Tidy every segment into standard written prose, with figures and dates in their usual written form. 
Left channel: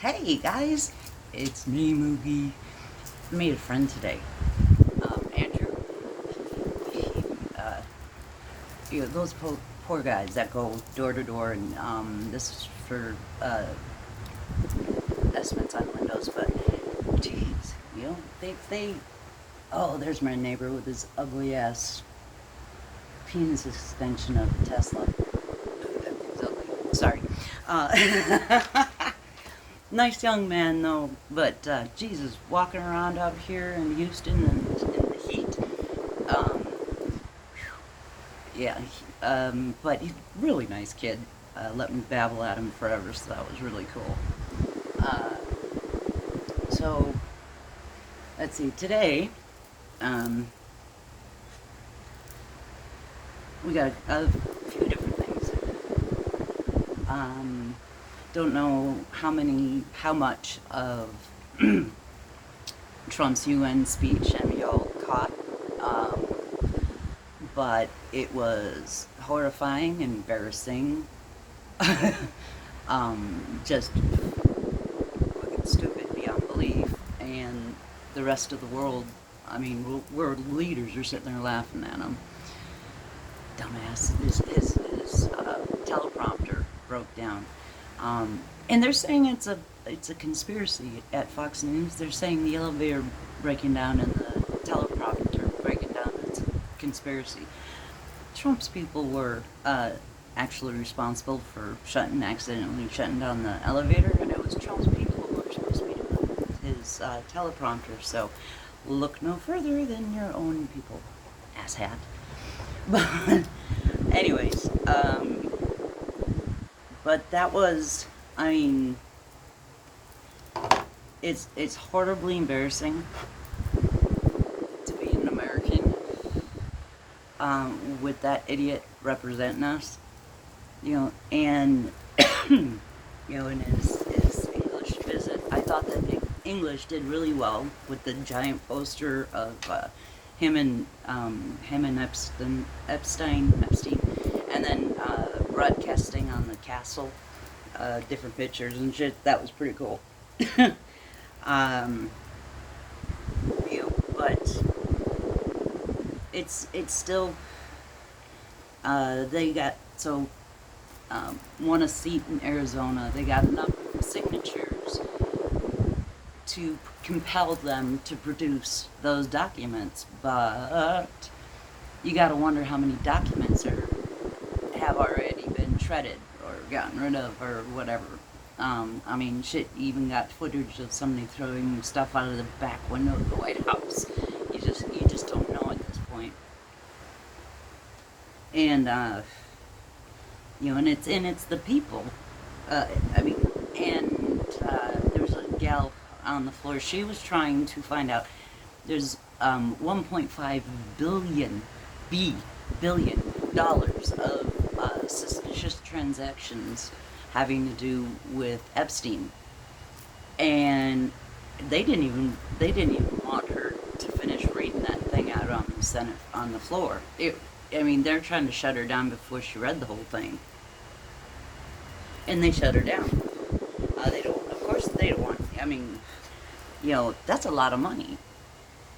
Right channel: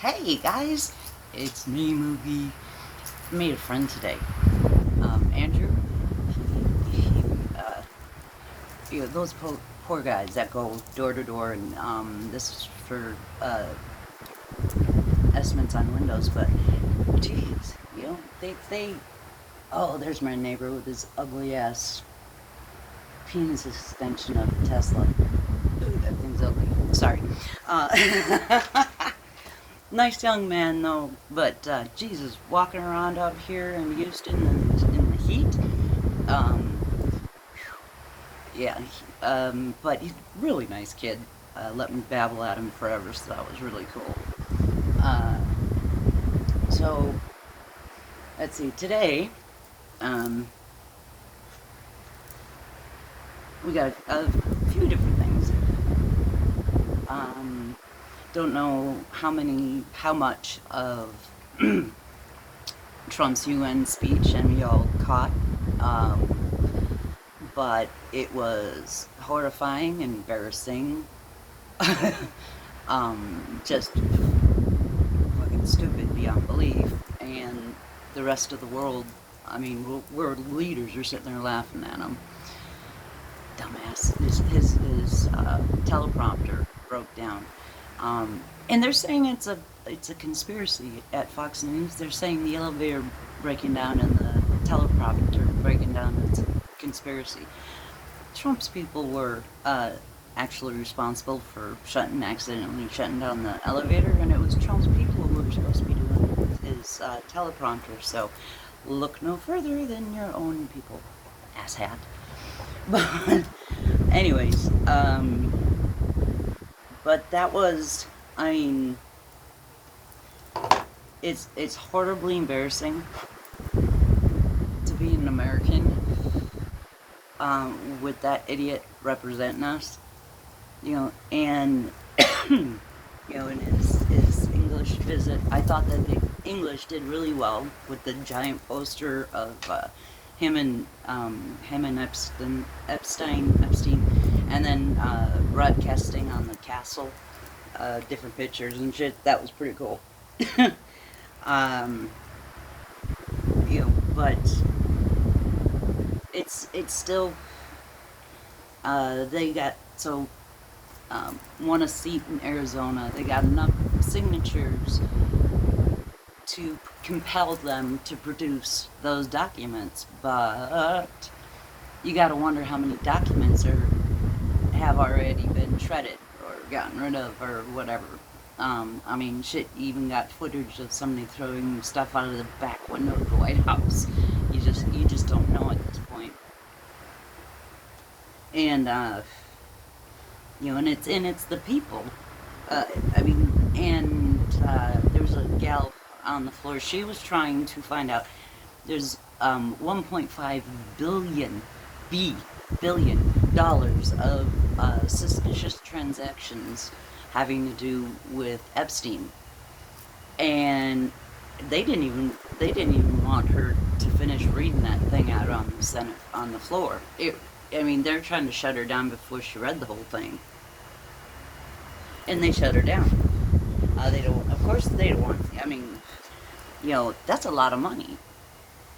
Hey guys, it's me, Moogie. Made a friend today, Andrew. He, those poor guys that go door to door, and this is for estimates on windows. But, geez, they. Oh, there's my neighbor with his ugly ass penis suspension of Tesla. That thing's ugly. Sorry. Uh, Nice young man though, but Jesus, walking around out here in Houston in the heat, um, yeah. But he's a really nice kid. Let me babble at him forever, so that was really cool. Uh, so let's see. Today, um, we got a few different things. Um, don't know how much of Trump's UN speech and we all caught. Um, but it was horrifying and embarrassing. Just fucking stupid beyond belief. And the rest of the world, I mean, world leaders are sitting there laughing at him. Dumbass. His teleprompter broke down. And they're saying it's a conspiracy at Fox News. They're saying the elevator breaking down and the teleprompter breaking down. It's a conspiracy. Trump's people were actually responsible for accidentally shutting down the elevator, and it was Trump's people who were supposed to be doing his teleprompter. So look no further than your own people, asshat. But anyways, but that was, I mean, it's horribly embarrassing to be an American with that idiot representing us, and in his English visit, I thought that the English did really well with the giant poster of him and Epstein, and then broadcasting on the castle, different pictures and shit. That was pretty cool. um, but it's still they got so won a seat in Arizona. They got enough signatures to compel them to produce those documents, but you got to wonder how many documents have already been shredded or gotten rid of or whatever. I mean, shit, you even got footage of somebody throwing stuff out of the back window of the White House. You just don't know at this point. And and it's the people. I mean, and there was a gal on the floor. She was trying to find out. There's 1.5 billion dollars of suspicious transactions having to do with Epstein, and they didn't even want her to finish reading that thing out on the Senate on the floor. I mean, they're trying to shut her down before she read the whole thing, and they shut her down. They don't. Of course, they don't want. I mean, that's a lot of money,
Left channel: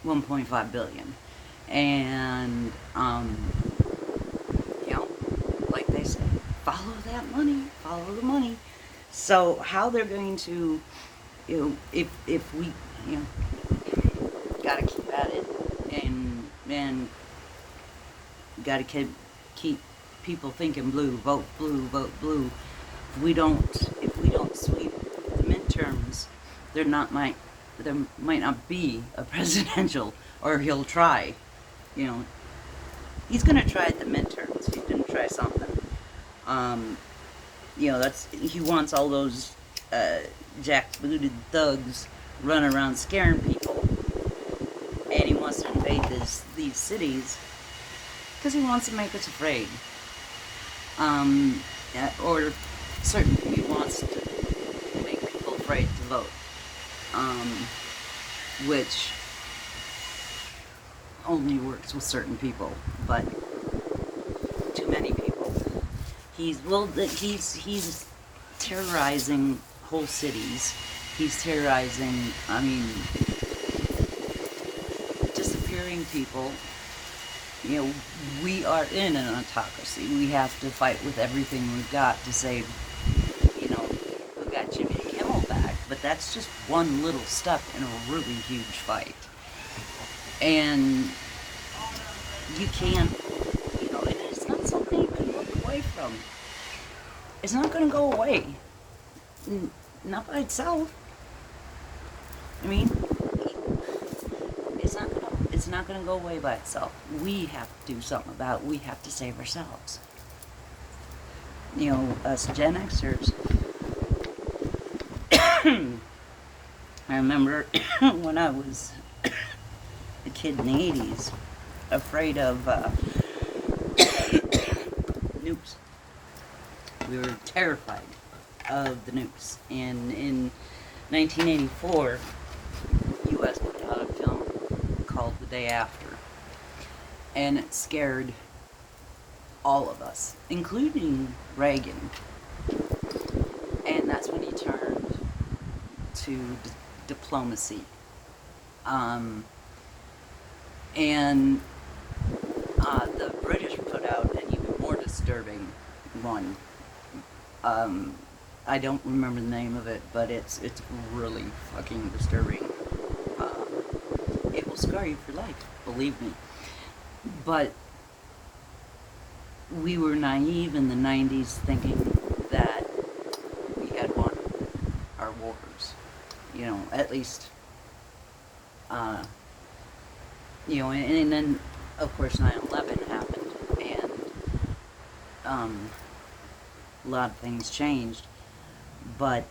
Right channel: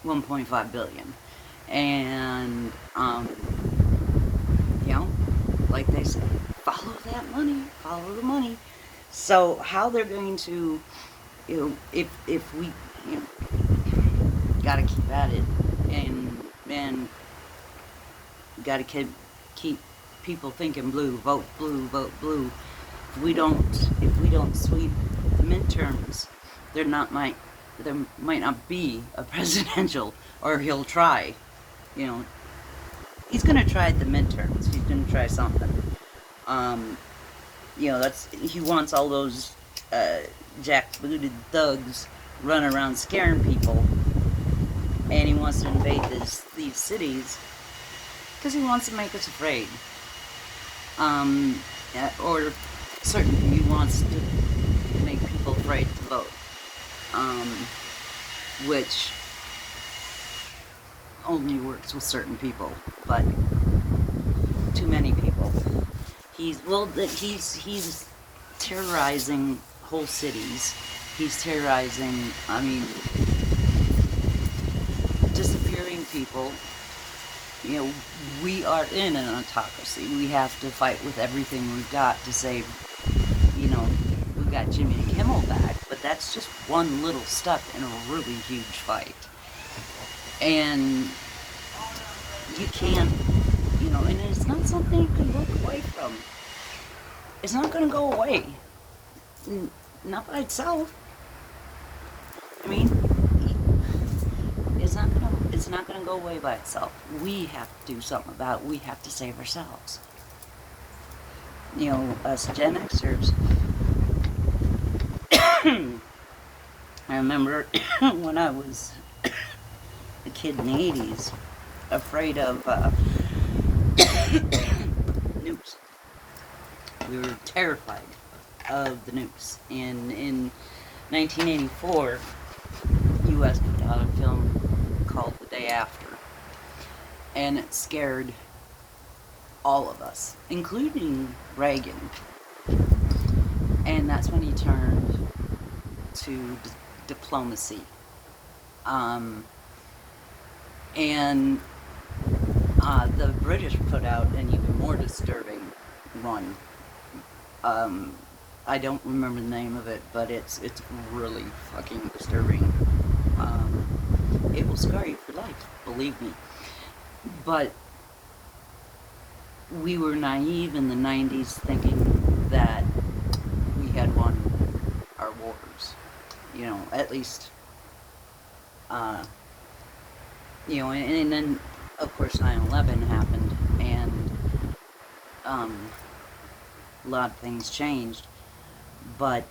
1.5 billion, and you know, like they say, follow that money, follow the money. So how they're going to, if we, you know, gotta keep at it, and gotta keep people thinking blue, vote blue, vote blue. If we don't sweep the midterms, there might not be a presidential, or he'll try. You know, he's gonna try at the midterms. He's gonna try something. Um, he wants all those jackbooted thugs running around scaring people, and he wants to invade these cities because he wants to make us afraid. Or certainly he wants to make people afraid to vote, um, which only works with certain people, but too many people. He's terrorizing whole cities. He's terrorizing, I mean, disappearing people. You know, we are in an autocracy. We have to fight with everything we've got to save, you know, we got Jimmy Kimmel back, but that's just one little step in a really huge fight. And you can't, you know, and it's not something you can look away from. It's not going to go away. Not by itself. I mean, it's not gonna go away by itself. We have to do something about it. We have to save ourselves. You know, us Gen Xers. I remember when I was a kid in the 80s, afraid of nukes. We were terrified of the nukes. And in 1984, U.S. put out a film called The Day After. And it scared all of us, including Reagan. And that's when he turned to diplomacy. And the British put out an even more disturbing one. I don't remember the name of it, but it's really fucking disturbing. It will scar you for life, believe me. But we were naive in the 90s thinking that we had won our wars. You know, at least, you know, and then, of course, 9/11 happened, and a lot of things changed. But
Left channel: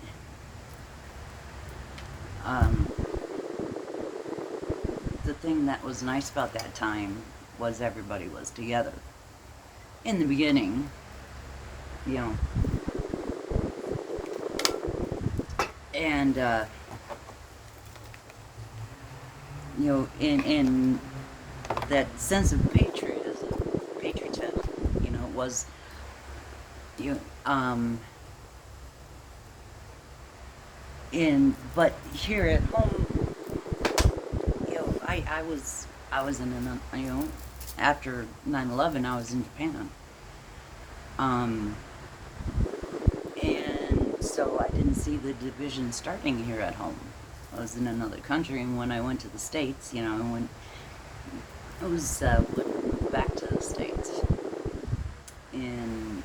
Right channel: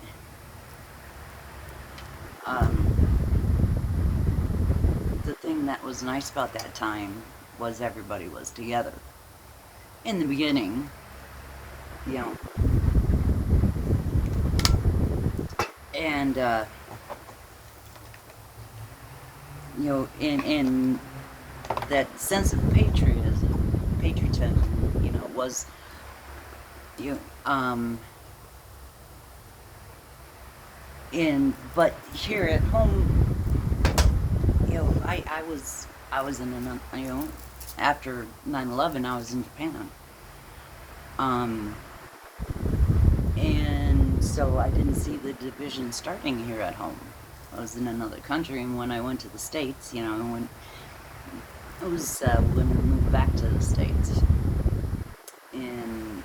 the thing that was nice about that time was everybody was together. In the beginning, you know, and you know, in that sense of patriotism, you know, was, you know, but here at home, you know, I was in an, you know, after 9/11, I was in Japan, and so I didn't see the division starting here at home. I was in another country, and when I went to the States, you know, when I was when we moved back to the States in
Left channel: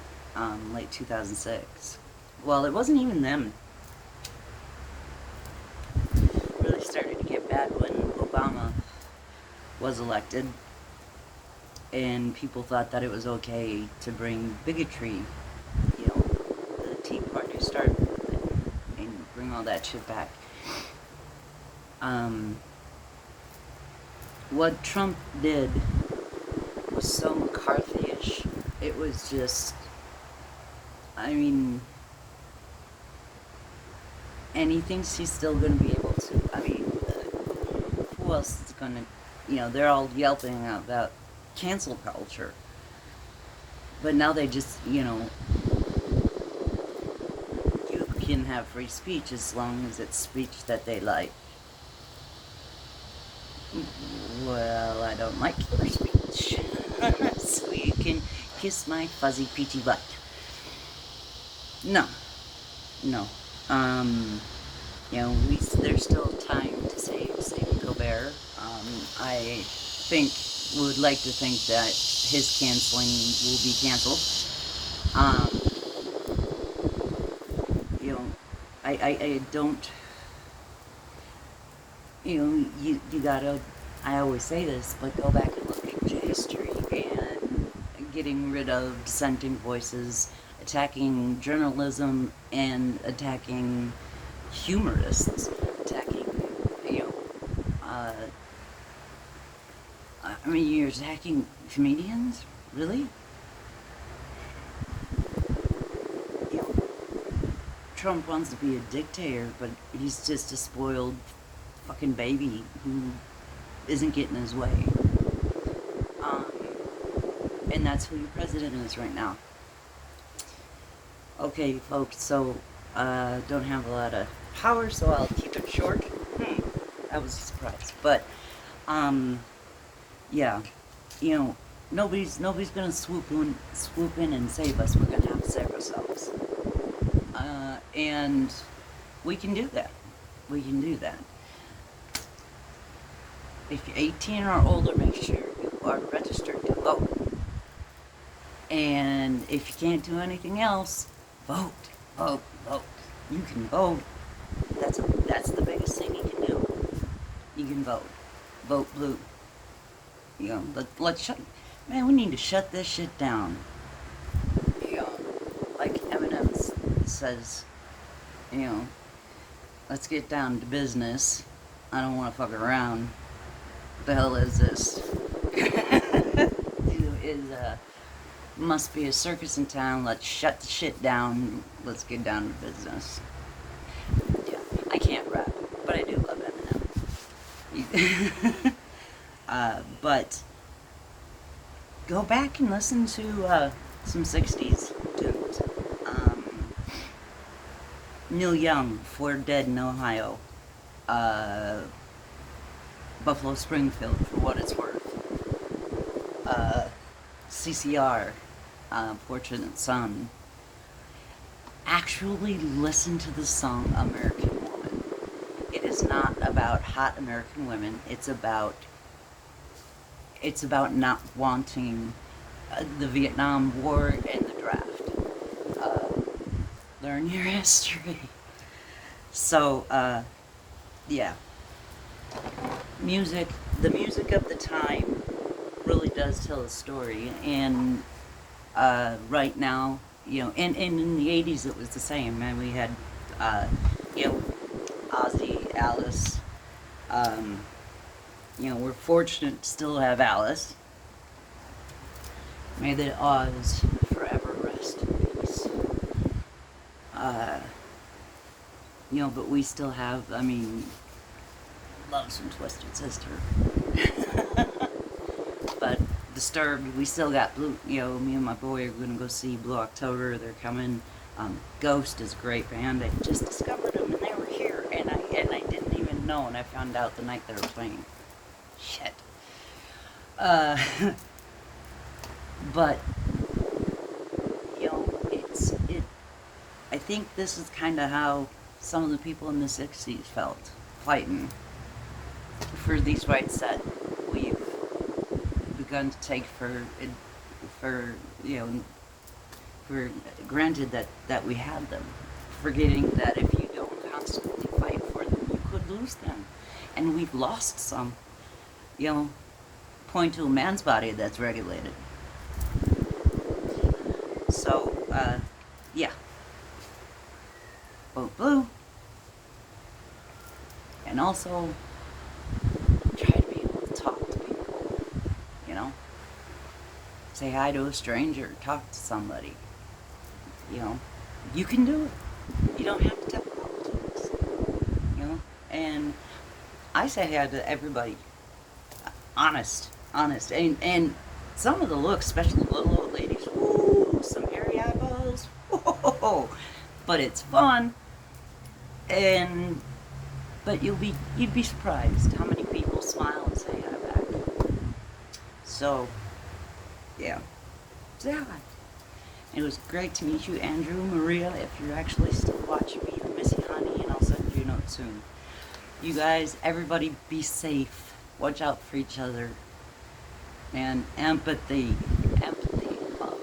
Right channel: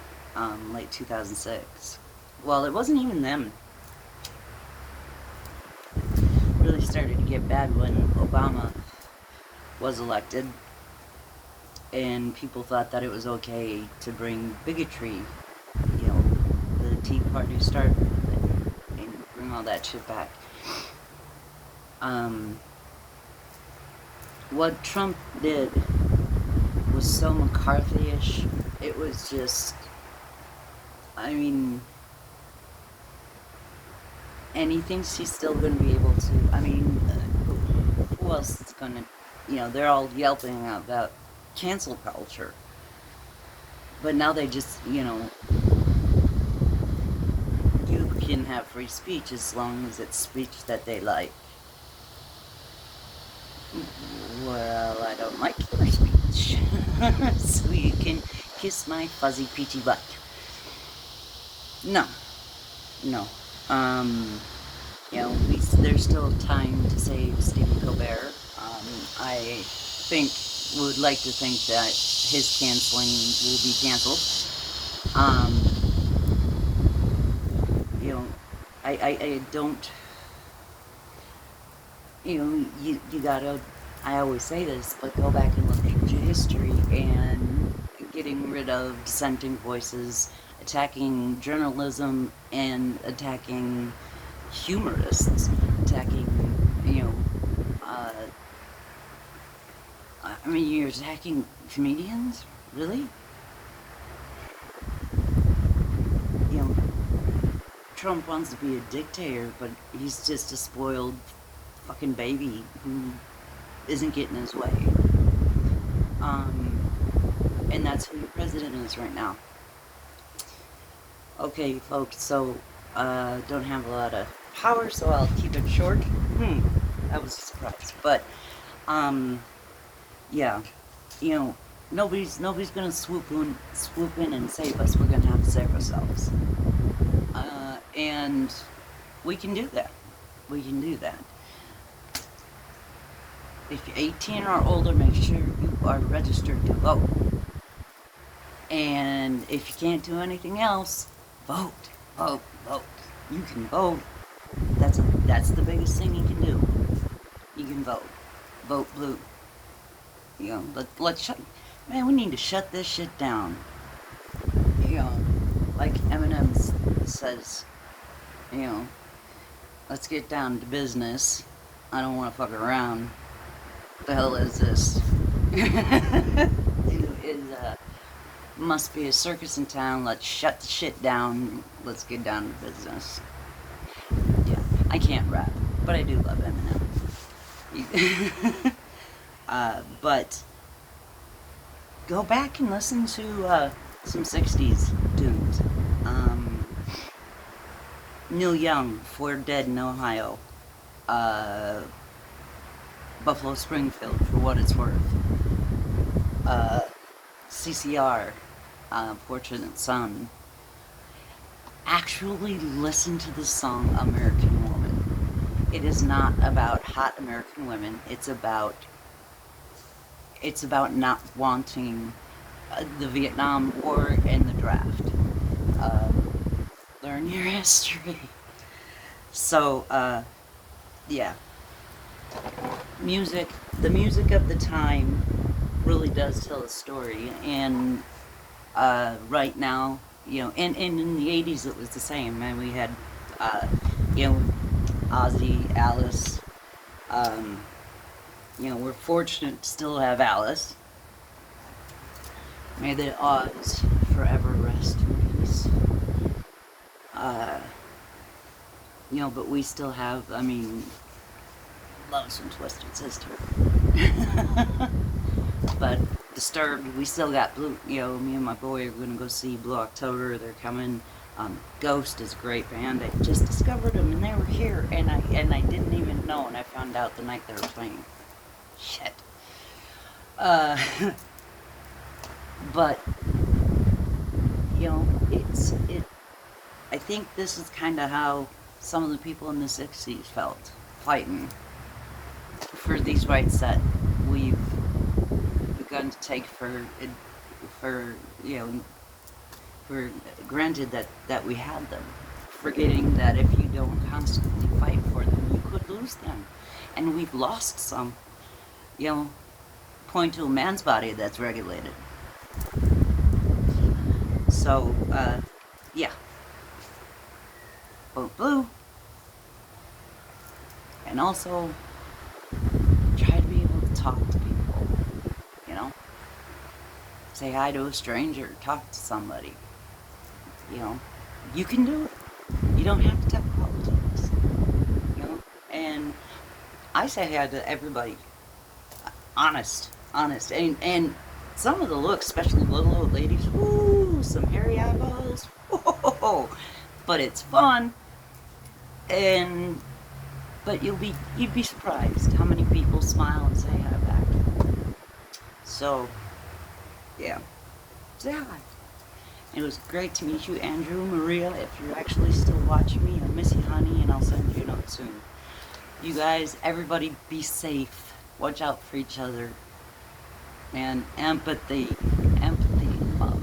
late 2006. Well, it wasn't even them. Really started to get bad when Obama was elected, and people thought that it was okay to bring bigotry, you know, the Tea Party started, and bring all that shit back. What Trump did was so McCarthy-ish. It was just, I mean, and he thinks he's still going to be able to, I mean, who else is going to, you know, they're all yelping about cancel culture. But now they just, you know, you can have free speech as long as it's speech that they like. Well, I don't like your speech. So you can kiss my fuzzy peachy butt. No. You know, there's still time to save Stephen Colbert. I would like to think that his canceling will be canceled. You know, I don't, you know, you gotta, I always say this, but go back and look at history, and getting rid of dissenting voices, attacking journalism, and attacking humorists, attacking, you know, I mean, you're attacking comedians? Really? You know, Trump wants to be a dictator, but he's just a spoiled fucking baby who isn't getting his way. And that's who your president is right now. Okay, folks, so Don't have a lot of power, so I'll keep it short. That was a surprise. But, yeah, you know, nobody's gonna swoop in and save us. We're gonna have to save ourselves. And we can do that. We can do that. If you're 18 or older, make sure you are registered to vote. And if you can't do anything else, vote, vote, vote. You can vote. That's the biggest thing you can do. You can vote. Vote blue. You know, let's shut. Man, we need to shut this shit down. You know, like Eminem says. You know, let's get down to business. I don't want to fuck around. What the hell is this? Must be a circus in town. Let's shut the shit down. Let's get down to business. Yeah, I can't rap, but I do love Eminem. But go back and listen to some 60s tunes. Neil Young, For Dead in Ohio. Buffalo Springfield, For What It's Worth. CCR, Fortunate Son. Actually listen to the song American Woman. It is not about hot American women. It's about not wanting the Vietnam War and the draft. Learn your history. So, yeah. The music of the time really does tell a story, and right now, you know, and in the 80s it was the same, and we had, you know, Ozzy, Alice, you know, we're fortunate to still have Alice. May the Oz forever rest in peace. You know, but we still have, I mean, love some Twisted Sister. But Disturbed, we still got Blue, you know, me and my boy are gonna go see Blue October, they're coming. Ghost is a great band. I just discovered them and they were here, and I didn't even know, and I found out the night they were playing. Shit. But, you know, I think this is kind of how some of the people in the 60s felt, fighting for these rights that we've begun to take for you know, for granted that we had them, forgetting that if you don't constantly fight for them, you could lose them. And we've lost some. You know, point to a man's body that's regulated. So, yeah. Vote blue. And also, try to be able to talk to people, you know? Say hi to a stranger, talk to somebody. You know, you can do it. You don't have to talk politics, you know? And I say hi to everybody. Honest. And some of the looks, especially little old ladies, woo, some hairy eyeballs, whoa, but it's fun. But you'd be surprised how many people smile and say hi back. So, yeah, say hi. It was great to meet you, Andrew, Maria. If you're actually still watching me, I miss you, honey, and I'll send you a note soon. You guys, everybody, be safe. Watch out for each other. And empathy and love.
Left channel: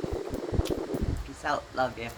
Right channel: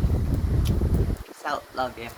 Peace out. Love you.